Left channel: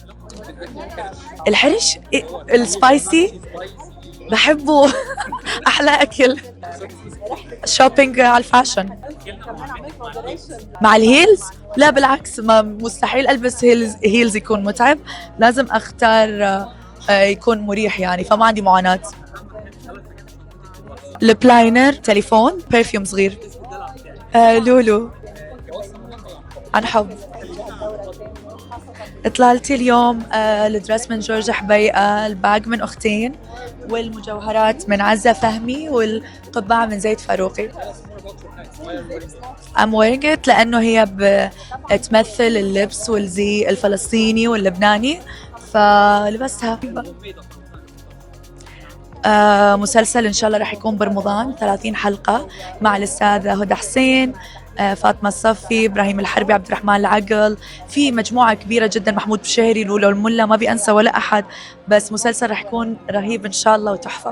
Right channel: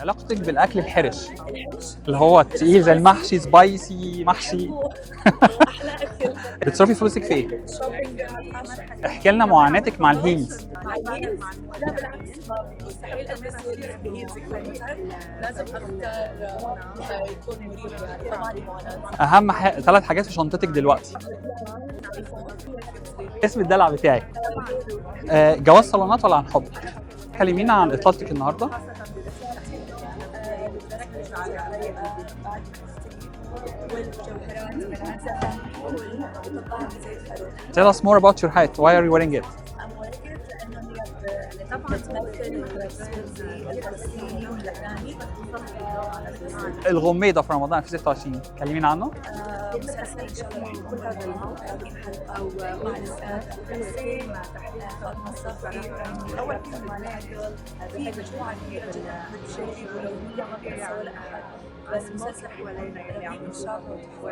علاقتك بالاكل الحرش الحرش اللي هو تقيل زي السبايسي المحشي سبايسي محشي، بحبه. احلى اكل. بتصرفي فلوسك في ايه؟ شوبينج على الفاشن. احكي لنا معاناتك مع الهيلز. مع الهيلز لا بالعكس، ما مستحيل البس هيلز يكون متعب، لازم اختار يكون مريح يعني، فما عندي معاناة. اهم 3 حاجات في شنطتك دلوقتي. البلاينر، تليفون، برفيوم صغير. اسم الدلع بتاعك. لولو. جواز صالونات ولا عن حب؟ عن حب. كلمينا عن اطلالتك النهارده. اطلالتي اليوم الدرس من جورج حبيقة، الباج من أختين، والمجوهرات من عزة فهمي، والقبعة من زيد فاروقي. Tell us more about your hat. Why are you wearing it? I'm wearing it لأنه هي بتمثل اللبس والزي الفلسطيني واللبناني، فلبستها. الغميضة في رمضان 2026 كلمينا عنه. مسلسل إن شاء الله رح يكون برمضان 30 حلقة مع الأستاذة هدى حسين، فاطمة الصفي، إبراهيم الحربي، عبد الرحمن العقل، في مجموعة كبيرة جدا، محمود بشهري، لولو الملا، ما بينسى ولا أحد، بس مسلسل رح يكون رهيب إن شاء الله وتحفة.